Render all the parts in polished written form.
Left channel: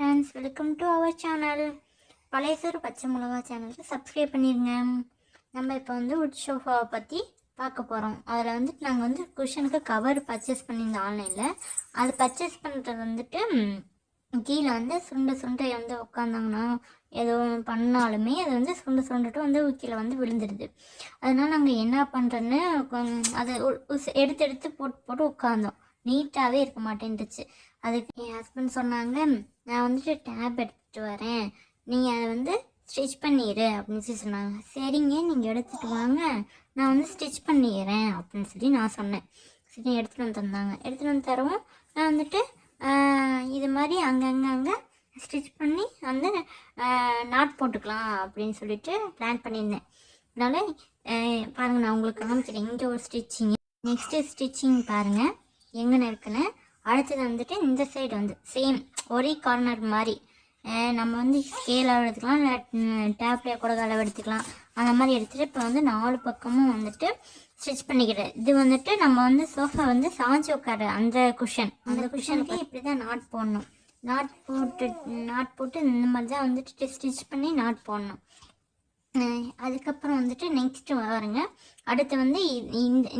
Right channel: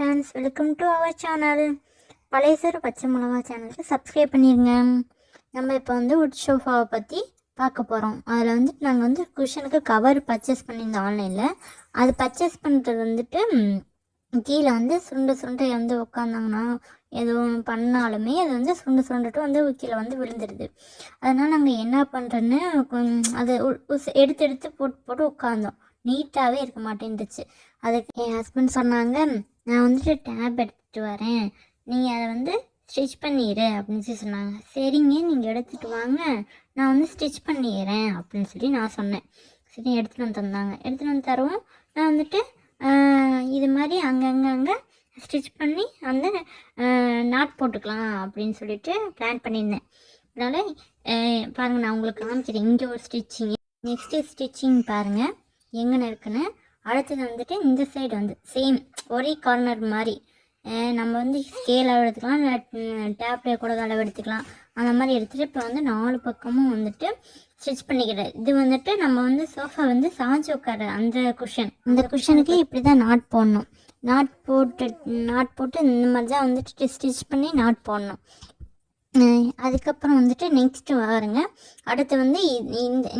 Friends, welcome to our channel. பழையசோறு பச்சை மிளகா சேனலுக்கு சப்ஸ்கிரைப் பண்ணிடுங்க. நம்ம இப்போ வந்து உட் சோஃபாவை பற்றி பார்க்க போகிறோம். அதில் வந்துட்டு நாங்கள் வந்து குஷனுக்கு கவர் பர்ச்சேஸ் பண்ணியிருந்தோம் ஆன்லைனில். அது பர்ச்சேஸ் பண்ணுறது வந்துட்டு கீழே வந்து சுருண்டை வந்து உட்காந்தாங்கன்னா எதுவும் பண்ணாலுமே அது வந்து சுருண்டுட்டு வந்து கீழே வந்து விழுந்துடுது. அதனால் நாங்கள் என்ன பண்ணுறோன்னு அதை எடுத்து போட்டு உட்காந்தோம். நீட்டாகவே இருக்க மாட்டேன்ட்டுச்சு. அதுக்கு என் ஹஸ்பண்ட் சொன்னாங்க, நான் வந்துட்டு டேப் எடுத்துகிட்டு வரேன், நீங்கள் அதை வந்து ஸ்டிச் பண்ணிடு அப்படின்னு சொல்லி சொன்னாங்க. சரிங்க, நீங்கள் எடுத்துகிட்டு வாங்க, நான் வந்து ஸ்டிச் பண்ணிடுறேன் அப்படின்னு சொல்லி நான் சொன்னேன். சரி, எடுத்துகிட்டு வந்து தந்தாங்க. எடுத்துகிட்டு வந்து தருவோம். நான் வந்துட்டு இது மாதிரி அங்கங்கே ஸ்டிச் பண்ணி அந்த நாட் போட்டுக்கலாம் அப்படின்னு சொல்லிட்டு பிளான் பண்ணியிருந்தேன். அதனால் பாருங்கள், நான் உங்களுக்கு காமிக்கிறேன். இங்கே ஒரு ஸ்டிச்சிங், நெக்ஸ்ட்டு ஸ்டிச்சிங் பாருங்கள் எங்கே இருக்குன்னு. அடுத்தது வந்துட்டு இந்த சைடு வந்து சேம் ஒரே கார்னர் மாதிரி நம்ம வந்து ஸ்கேல் அளவு எடுத்துக்கலாம், இல்லை டேப்லேயே கூட அளவு எடுத்துக்கலாம். அந்த மாதிரி எடுத்துகிட்டு இப்போ வந்து 4 பக்கமும் வந்துட்டு ஸ்டிச் பண்ணிக்கிறேன். இது வந்துட்டு நம்ம வந்து சோஃபா வந்து சாஞ்சு உட்கார அந்த குஷனுக்கு இப்படி தான் நாட் போடணும். நாட் போட்டு இந்த மாதிரி தான் வந்துட்டு ஸ்டிச் பண்ணி நாட் போடணும். அதுக்கப்புறம் வந்துட்டு நெக்ஸ்ட்டு வருங்க. அடுத்து வந்து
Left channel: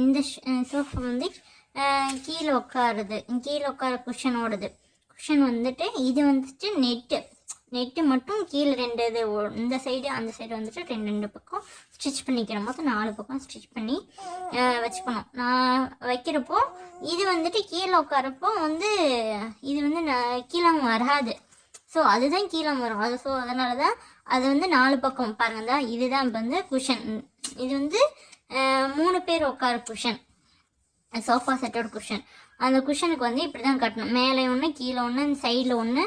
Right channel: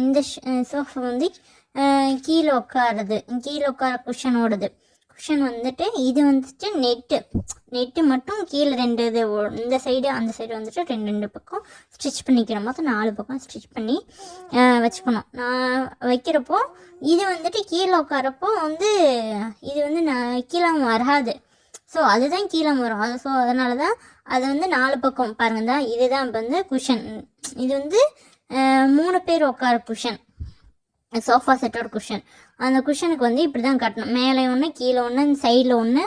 இந்த சோஃபா வந்து கீழே உட்கார குஷன் வந்துட்டு இது வந்துட்டு நெட்டு மட்டும் கீழே 2 இது இந்த சைடு அந்த சைடு வந்துட்டு 2 பக்கம் ஸ்டிச் பண்ணிக்கிறோம். மொத்தம் 4 பக்கம் ஸ்டிச் பண்ணி வச்சுக்கணும். நான் வைக்கிறப்போ இது வந்துட்டு கீழே உட்காரப்போ வந்து இது வந்து கீழே வராது. ஸோ அதுதான் கீழே வரும். ஸோ அதனால தான் அதை வந்து 4 பக்கம் பாருங்க. இதுதான் இப்போ வந்து குஷன். இது வந்து 3 பேர் உட்கார குஷன், சோஃபா செட்டோட குஷன். அந்த குஷனுக்கு வந்து இப்படி தான் கட்டணும். மேலே ஒன்று, கீழே ஒன்று, சைடில் ஒன்று,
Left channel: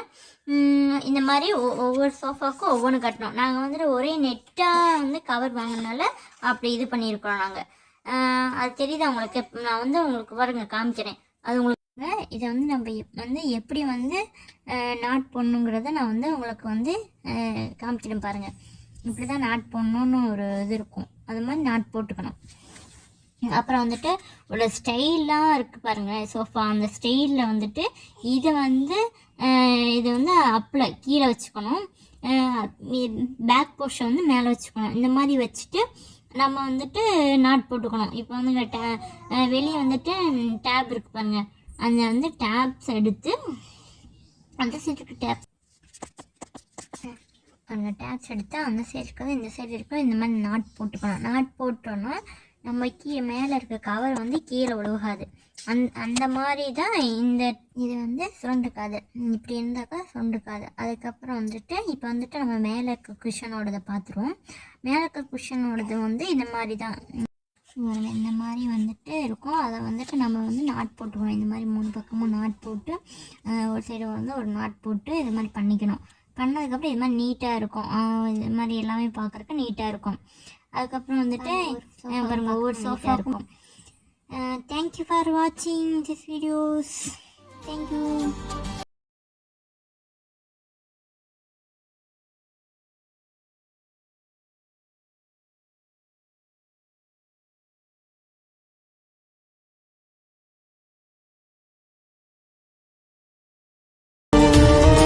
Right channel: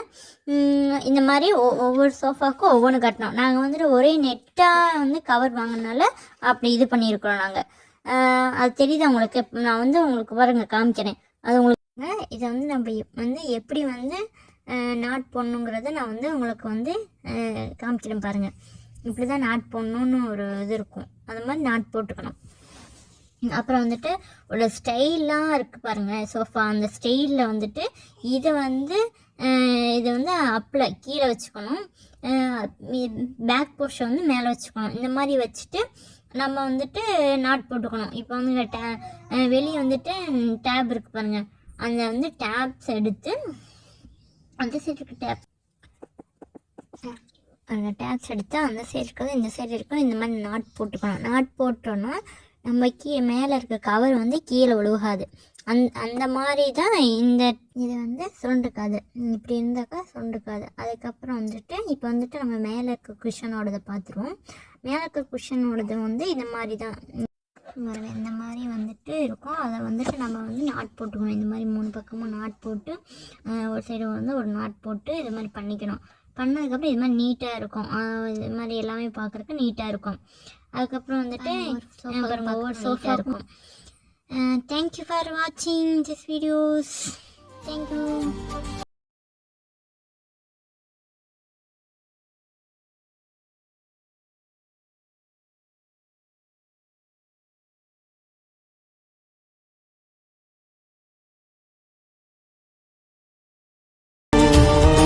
இந்த மாதிரி ஒவ்வொரு சோஃபாவுக்கும் ஒவ்வொன்று கட்டணும். நாங்கள் வந்துட்டு ஒரே நெட்டாக வந்து கவர் வாங்கினால அப்படி இது பண்ணியிருக்கிறோம் நாங்கள். அது தெரியுது உங்களுக்கு. நான் வந்து உங்களுக்கு பாருங்க காமிக்கிறேன். அது உங்களுக்கு இதை வந்து நம்ம வந்து எப்படி வந்து நாட் போடணுங்கிறத நான் வந்து உங்களுக்கு வந்து காமிக்கிறேன் பாருங்கள். இப்படி தான் நாட் போடணுன்னு ஒரு இது இருக்கும். அது மாதிரி நாட் போட்டுக்கணும். அப்புறம் வந்துட்டு ஒரு ஸ்டைலாக இருக்குது பாருங்கள் சோஃபா. அந்த ஸ்டைலில் வந்துட்டு இதை வந்து அப்பில் கீழே வச்சுக்கணும், பேக் போர்ஷன் வந்து மேலே வச்சுக்கணும். இந்த மாதிரி வச்சுட்டு நம்ம வந்துட்டு நாட் போட்டுக்கணும். இப்போ வந்து வெளியே வந்துட்டு டேப் இருக்குது பாருங்கள். அந்த வந்து டேப்ஸ் எடுத்து அந்த சைடுக்கு அந்த டேப்ஸ் எடுத்து அந்த சைடு இருக்கிறது இந்த சைடு இருக்கிற இந்த மாதிரி நாட் போட்டுக்கணும். நாட் போட்டோன்னா நம்ம மேலே இருக்க கவர் வந்து கீழே விழுகாது. அந்த மாதிரி தான் இது வந்து சுருண்டுக்காது. இப்படி இருந்தாக்கா சுருண்டுக்காது. அதுக்கப்புறம் வந்துட்டு இப்போ வந்துட்டு நம்ம மேலே இருக்க குஷனோடதை பார்த்துருவோம். மேலே இருக்க குஷனோடது வந்து இந்த மாதிரி தான், இந்த மாதிரி வந்துட்டு இருக்கும். அதை வந்துட்டு நம்ம வந்து நாட் போட்டுக்கணும். இந்த மாதிரி 3 பக்கமும் நாட் போட்டு ஒரு சைடு வந்து ஒரு நாட் போட்டு இது மாதிரி பண்ணிக்கணும். பண்ணதுக்கப்புறம் இது மாதிரி நீட்டாக இருக்கும். இது மாதிரி எல்லாமே பார்க்குறக்கு நீட்டாக இருக்கும். அதுக்கப்புறம் வந்துட்டு ஒவ்வொரு சோஃபா இருக்கும். தேங்க்யூ ஃபார் வாட்சிங் திஸ் வீடியோஸ். தேங்க்யூ.